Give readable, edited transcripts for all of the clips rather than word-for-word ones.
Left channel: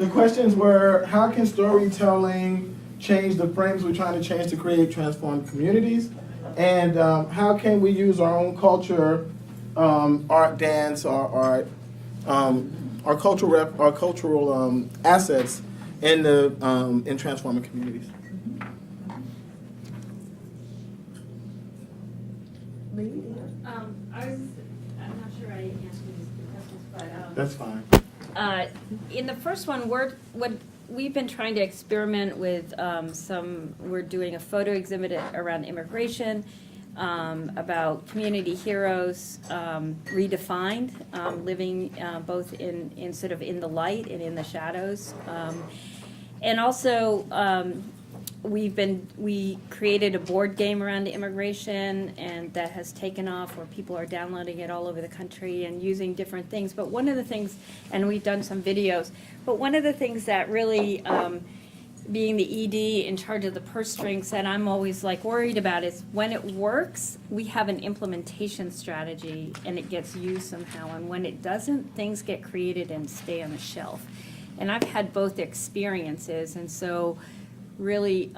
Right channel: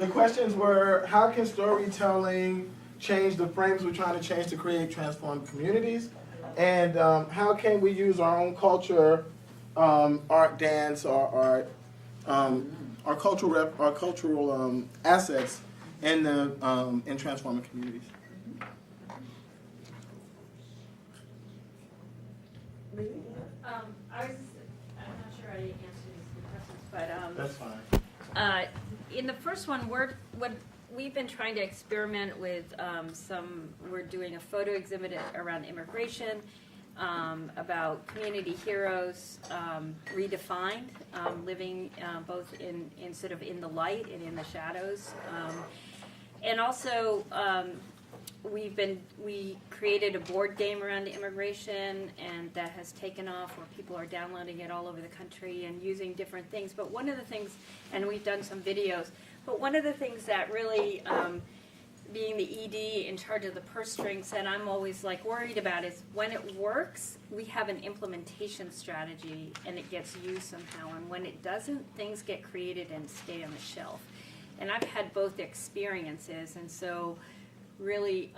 The questions were, how can storytelling change the frames we're trying to change to create transformed communities? And how can we use our own culture, art, dance, or art, our cultural assets in transforming communities? I'm not sure I answered the questions, but That's fine. in the first one, we've been trying to experiment with we're doing a photo exhibit around immigration, about community heroes, redefined, living both in sort of in the light and in the shadows. And also, we created a board game around immigration, and that has taken off, where people are downloading it all over the country and using different things. But one of the things, and we've done some videos, but one of the things that really, being the ED in charge of the purse strings, that I'm always like worried about is when it works, we have an implementation strategy and it gets used somehow. And when it doesn't, things get created and stay on the shelf. And I've had both experiences, and so really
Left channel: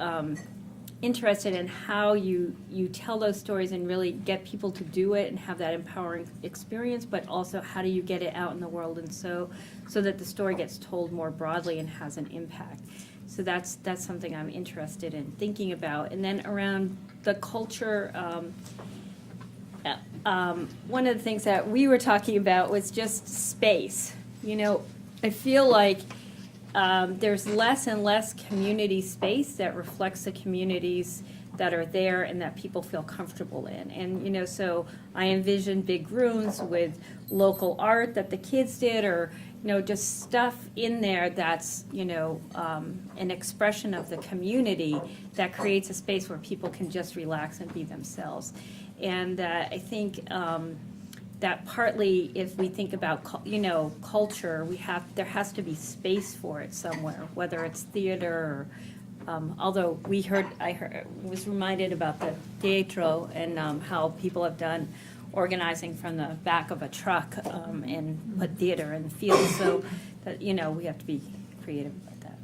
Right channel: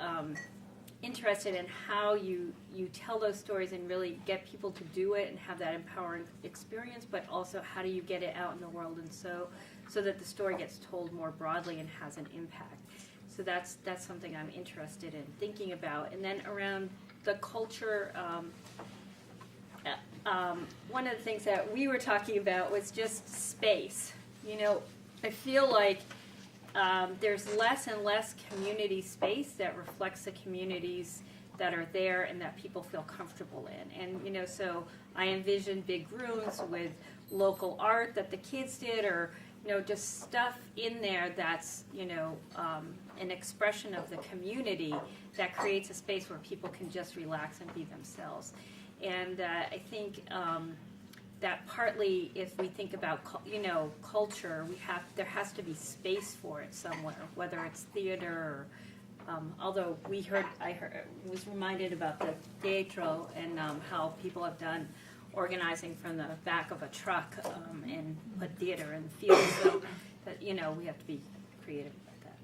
interested in how you tell those stories and really get people to do it and have that empowering experience, but also how do you get it out in the world, and so that the story gets told more broadly and has an impact. So that's something I'm interested in thinking about. And then around the culture, one of the things that we were talking about was just space. You know, I feel like there's less and less community space that reflects the communities that are there and that people feel comfortable in. And, you know, so I envision big rooms with local art that the kids did, or, you know, just stuff in there that's, you know, an expression of the community that creates a space where people can just relax and be themselves. And I think that partly, if we think about, you know, culture, there has to be space for it somewhere, whether it's theater or, although I was reminded about the teatro and how people have done organizing from the back of a truck and put theater in the field, so that, you know, we have to be creative about that.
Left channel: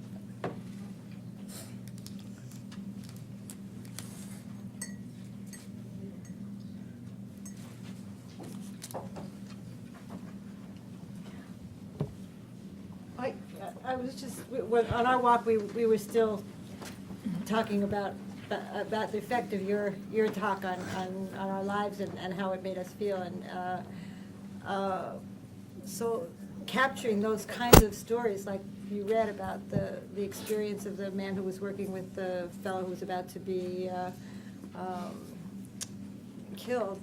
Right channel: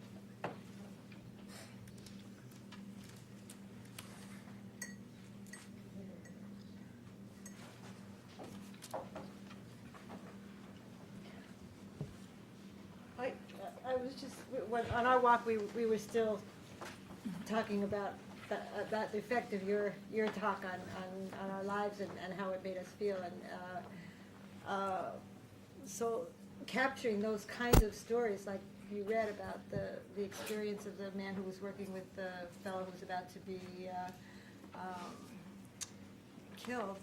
I was just, on our walk, we were still talking about the effect of your talk on our lives and how it made us feel. And so capturing those kinds of stories, like you read about the experience of the man who was working with the fellow who was about to be killed,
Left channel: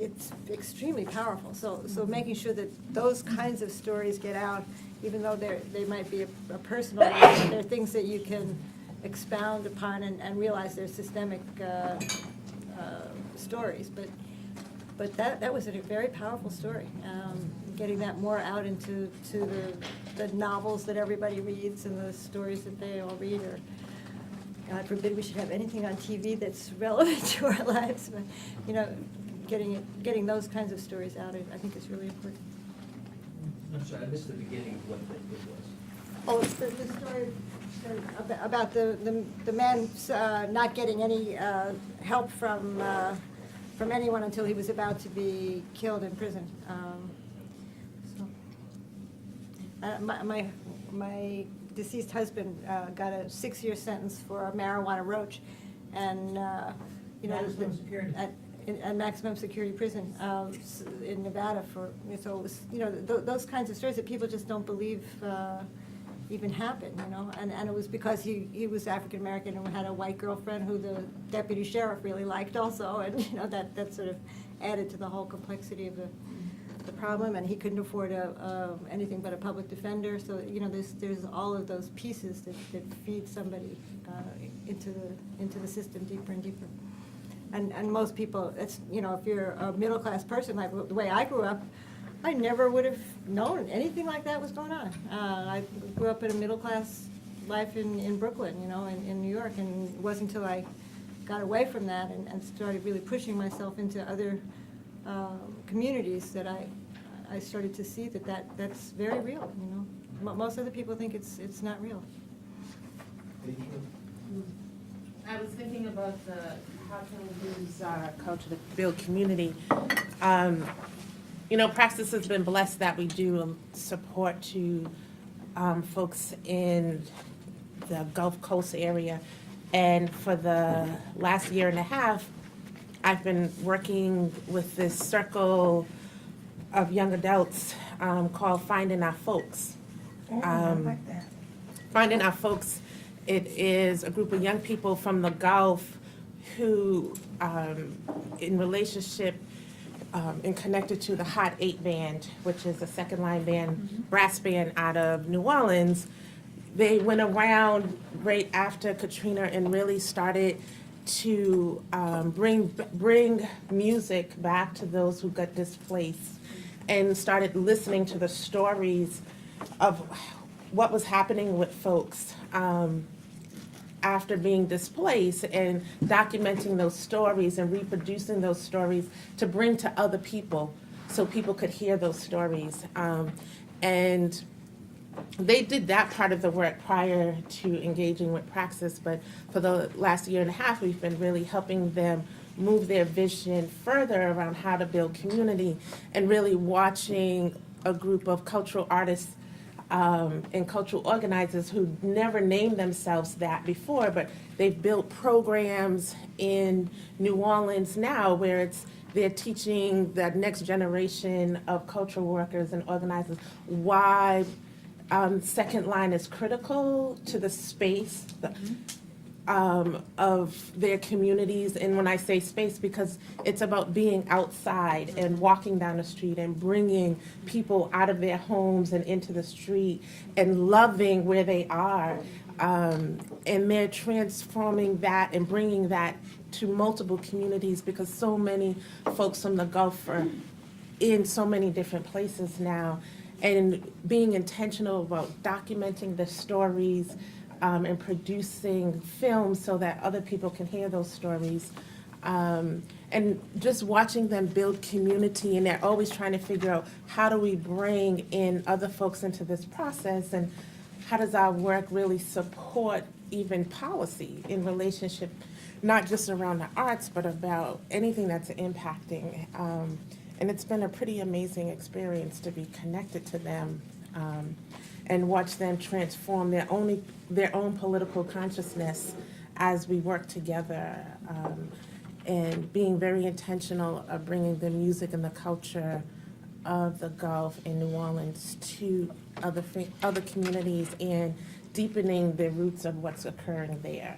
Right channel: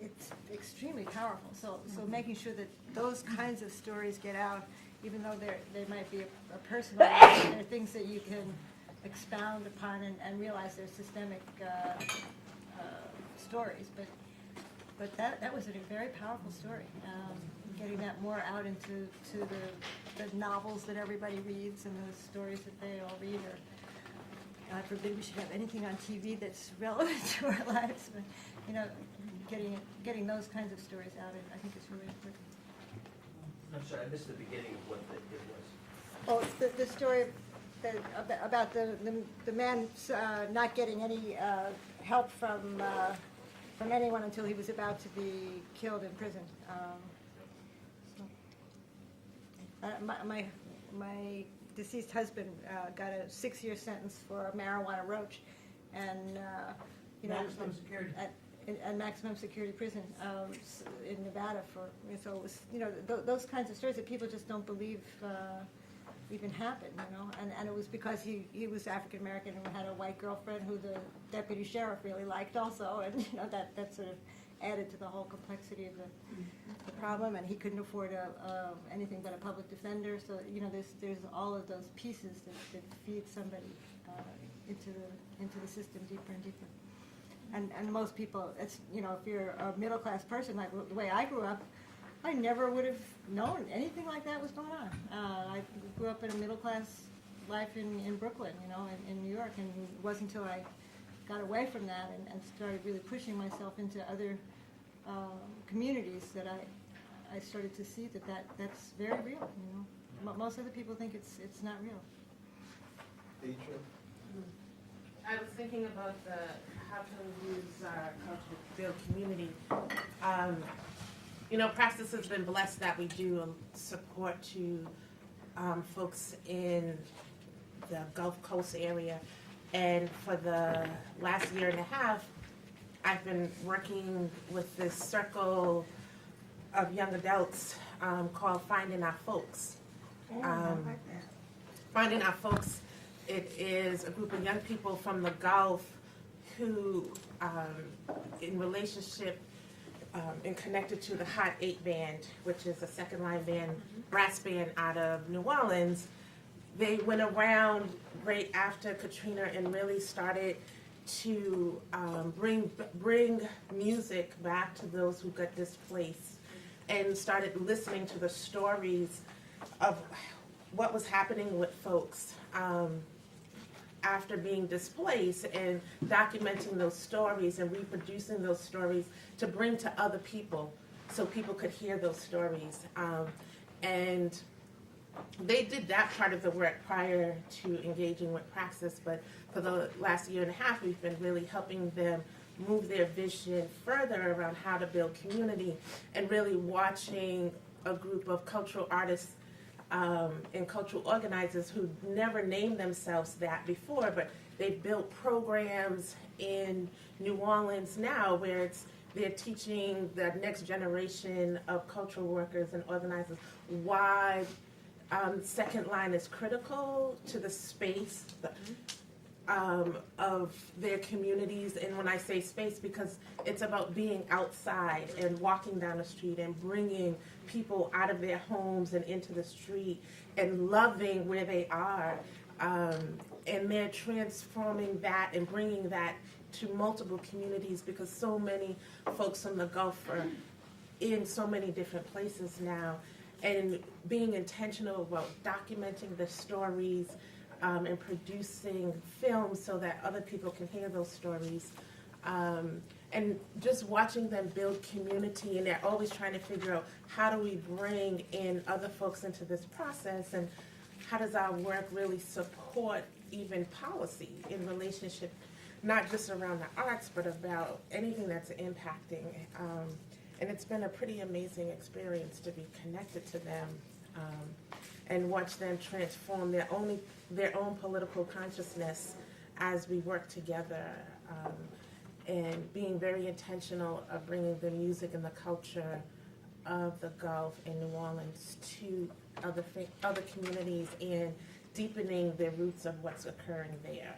it's extremely powerful. So making sure that those kinds of stories get out, even though they might be a personal, they're things that you can expound upon and realize they're systemic stories. But that was a very powerful story. Getting that more out into the novels that everybody reads and the stories that they all read, or God forbid we should have anything on TV that's relevant to our lives. But, you know, getting those kinds of stories out, I think is really important. I'm sorry, I missed the beginning of what it was. Oh, it's the story about the man not getting any help from anyone until he was about to be killed in prison. My deceased husband got a 6-year sentence for a marijuana roach, and you know, Maximum security. And maximum security prison in Nevada so it was, you know, those kinds of stories that people just don't believe even happen, you know, and it was because he was African American and had a white girlfriend who the deputy sheriff really liked also, and, you know, that sort of added to the whole complexity of the problem, and he couldn't afford anything but a public defender. So, you know, there's all of those pieces that feed somebody into the system deeper and deeper. And most people, it's, you know, if you're a middle-class person, like the way I grew up, I never would have known anything like that was going on. I grew up in a middle-class life in Brooklyn, you know, in New York, and it wasn't until I got away from that and started really pushing myself into other communities that I started to see that's very real, you know. Most other people think it's not real. I was thinking about how can we use our culture to build community. Praxis has been blessed that we do support to folks in the Gulf Coast area. And for the last year and a half, I've been working with this circle of young adults called Finding Our Folks. Finding Our Folks, it is a group of young people from the Gulf who, in relationship and connected to the Hot 8 band, which is a second line band, brass band out of New Orleans. They went around right after Katrina and really started to bring music back to those who got displaced, and started listening to the stories of what was happening with folks after being displaced, and documenting those stories and reproducing those stories to bring to other people so people could hear those stories. And they did that part of the work prior to engaging with Praxis, but for the last year and a half, we've been really helping them move their vision further around how to build community, and really watching a group of cultural artists and cultural organizers who never named themselves that before, but they've built programs in New Orleans now where they're teaching the next generation of cultural workers and organizers why second line is critical to the space of their communities. And when I say space, because it's about being outside and walking down the street and bringing people out of their homes and into the street and loving where they are. And they're transforming that and bringing that to multiple communities, because so many folks from the Gulf are in so many different places now. And being intentional about documenting the stories and producing films so that other people can hear those stories. And just watching them build community, and they're always trying to figure out, how do we bring in other folks into this process, and how does our work really support even policy in relationship, not just around the arts, but about anything that's impacting. And it's been a pretty amazing experience to be connected to them and watch them transform their own political consciousness as we work together, and being very intentional of bringing the music and the culture of the Gulf and New Orleans to other communities, and deepening the roots of what's occurring there.